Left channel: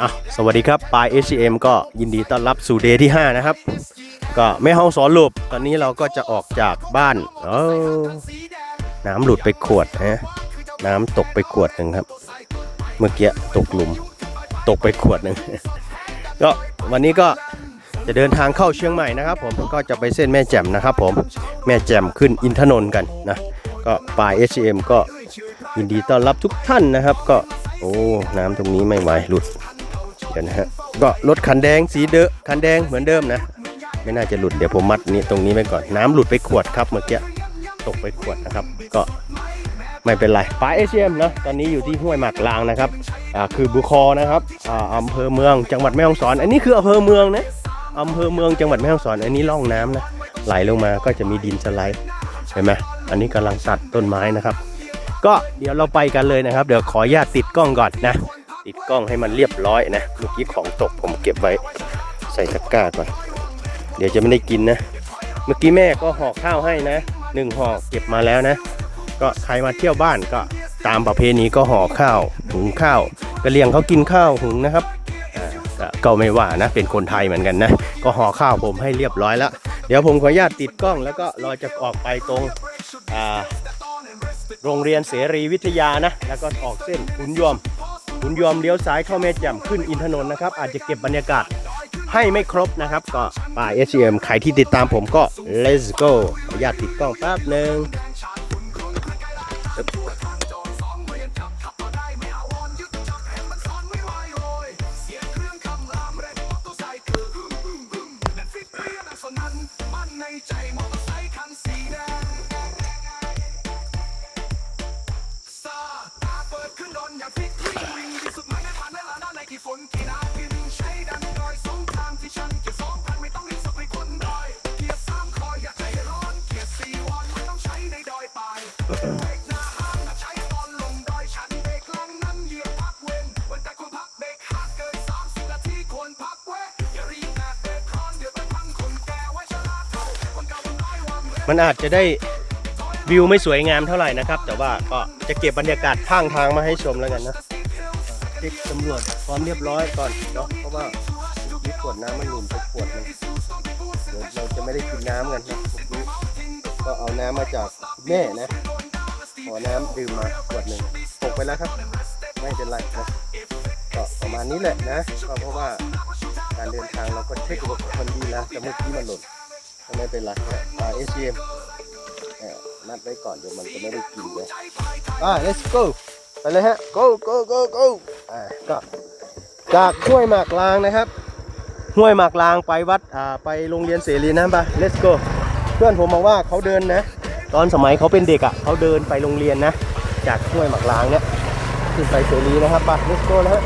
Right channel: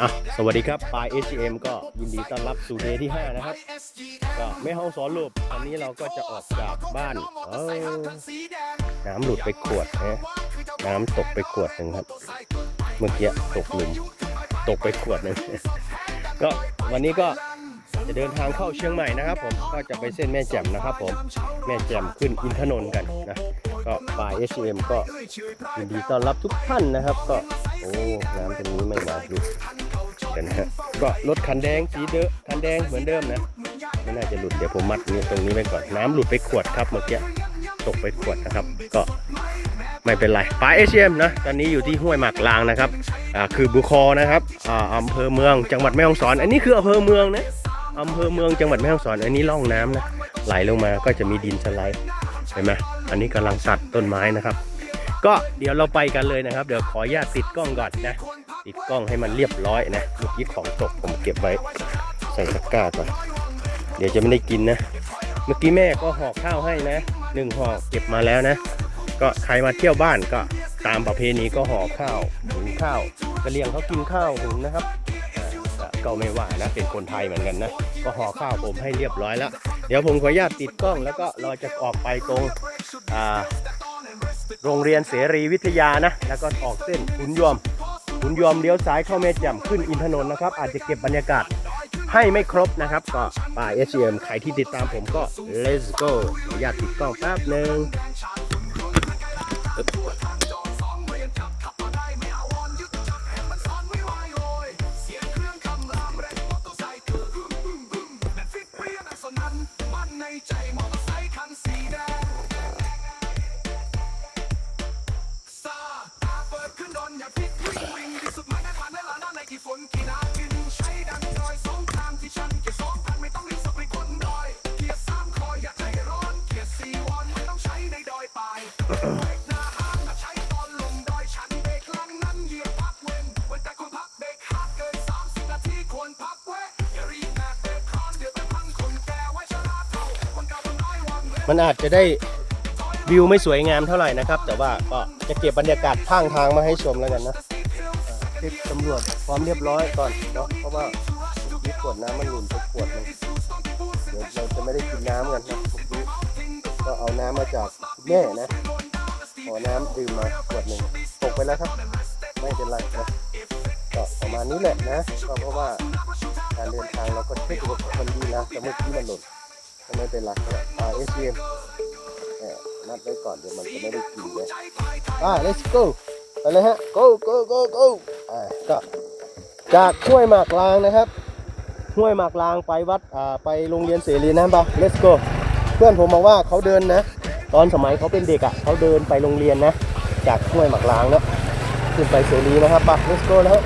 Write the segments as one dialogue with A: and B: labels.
A: อะสวัสดีครับปลาย HCM ก็ยินดีต้อนรับสู่เดย์ที่ 5 นะครับ ก็ไม่ห้องสอนลูปตอนนี้เราก็จะออกจากบ้านเออน้ำหลุดไปขวดนะน้ำตกไปขวดหนึ่งครับ เมื่อกี้ตกหลุม ตกไปขวดหนึ่งก็วันนี้ก็จะเดินทางเข้าเชียงใหม่นะครับ ผมก็จะไปเส้นแม่แจ่มนะครับ ผมแม่แจ่มขึ้นอินทนนท์กันนะก็ปลาย HCM ก็ยินดีต้อนรับทุกท่านนะครับ ก็ โอ้ น้ำตรงนี้ไม่ไหวหลุดกันนะฮะก็รถคันแดงสีเดอะคันแดงเหมือนเดิมนะ ไม่น่าจะหลุดเดี๋ยวผมมัดนี้ตรงนี้ไว้ก่อนน้ำหลุดไปขวดครับเมื่อกี้ตกไปขวดนะครับ ก็ไม่เป็นไรปลายเอชเชียมนะตอนนี้อยู่ที่ห้วยหมากลางนะครับอ่าคือบุคอนะครับอ่าอำเภอเมืองจังหวัดแม่ฮ่องสอน อันนี้คืออำเภอเมืองนะอำเภอเมืองจังหวัดแม่ฮ่องสอน อันนี้ร่องน้ำนะไหลลงมาก็จะมีดินสไลด์เห็นไหมอันนี้กำลังตัดต้นไม้นะครับ ก็เดี๋ยวเราไปกันเลยนะครับ เดี๋ยวขออนุญาตติดกล้องก่อนนะ ติดกล้องให้มันเรียบร้อยนะเมื่อกี้ของตกผมเก็บไว้ใส่ตะกร้าก่อเดี๋ยวจะไม่ได้กินนะ เมื่อกี้แม่ก็ห่อข้าวให้นะหนึ่งห่อเก็บมาแล้วนะ ก็ใครมาเที่ยวบ้านก็ตามประเพณีก็ห่อข้าวหุงข้าวกระเลียงเขากินข้าวหุงนะครับก็ไม่ว่านะเป็นคนไทยเหมือนกันนะ ก็ห่อข้าวผมให้เรียบร้อยแล้ว เดี๋ยวผมขออนุญาตติดกล้องแล้วก็เราจะออกไปตรงอ่า โรงเรียนเสรีวิทยานะ แล้วก็ออกเส้นขุนยวมขุนยวมเลี้ยวซ้ายเข้าแม่แจ่มขึ้นอินทนนท์นะครับ อาจจะเก็บบรรยากาศให้ไม่ครบนะครับ ก็ป่า SCM ใครที่ติดตามผมก็ let's go ขออนุญาตติดกล้องแป๊บหนึ่ง มันอาจจะได้วิวไม่สวยงามเท่าไหร่นะครับ แต่ว่าก็จะเก็บบรรยากาศข้างทางมาให้ชมแล้วกันนะเช็คตำรวจความเรียบร้อยก่อนเนาะเพราะว่ามีขวดน้ำมันหลุนไปขวดนึงเดี๋ยวเราจะไม่ได้กินน้ำกันนะก็เอาน้ำมาจากแม่นะ ขอน้ำดื่มมาขวดหนึ่งตกไปแล้วครับ ไม่เป็นไรนะก็ประมาณนี้แหละนะก็เพราะว่าการเดินทางเราก็เช็คอุปกรณ์ดีแล้วแต่เมื่อกี้มันหล่นก็ไม่เป็นไรอ่าเอสเอ็มนัดไว้ก่อนเดี๋ยวมันจะไม่ได้กินเลยอ่า let's go ไปเลยฮะ go go go go อ่าก็จากห้วยหมากลางนะครับห้วยหมากลางไปวัดอ่าไปโรงเรียนเสรีนะปะ let's go เพื่อนผมบอกว่าเขาเดินนะ ตอนสมัยเขาเป็นเด็กอะเขาเดินไปโรงเรียนนะ จากห้วยหมากลางเนี่ยขึ้นไปเสรีนะครับปะ let's go นะฮะ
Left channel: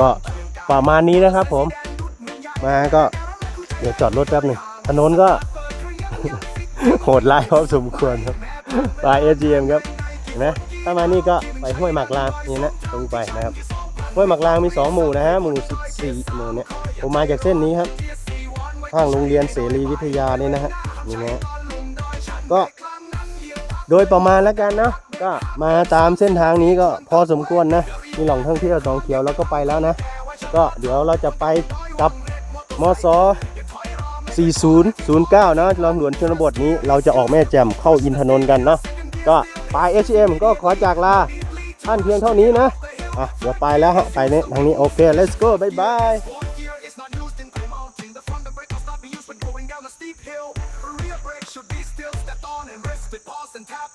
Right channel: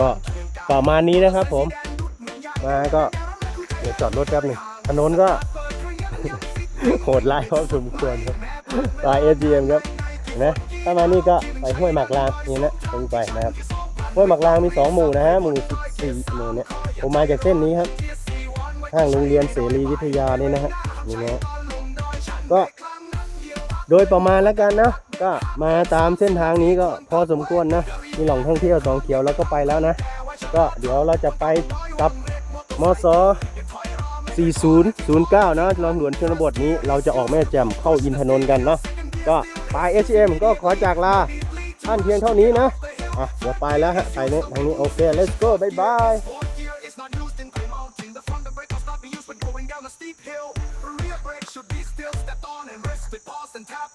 A: ก็ประมาณนี้นะครับผม มาก็เดี๋ยวจอดรถแป๊บหนึงถนนก็ โหดร้ายพอสมควรครับปลายเอจีเอ็มครับเห็นไหมถ้ามานี่ก็ไปห้วยหมากลางนี่นะตรงไปนะครับห้วยหมากลางมีสองหมู่นะฮะหมู่สี่หมู่เนี่ยผมมาจากเส้นนี้ครับข้างโรงเรียนเสรีวิทยานี่นะฮะนี่นะฮะก็โดยประมาณแล้วกันนะ ก็มาตามเส้นทางนี้ก็พอสมควรนะ มีหล่องท่องเที่ยวสองเขียวแล้วก็ไปแล้วนะ ก็เดี๋ยวเราจะไปกับมอสอ4009 นะลำหลวนชนบทนี้เราจะออกแม่แจ่มเข้าอินทนนท์กันเนาะก็ปลาย HM ก็ขอจากลาท่านเพียงเท่านี้นะอะเดี๋ยวไปแล้วฮะ ไปเนี่ยทางนี้ โอเค let's go bye bye
B: steep hill. Rear brake should be still stepped on and rest with pause and tap.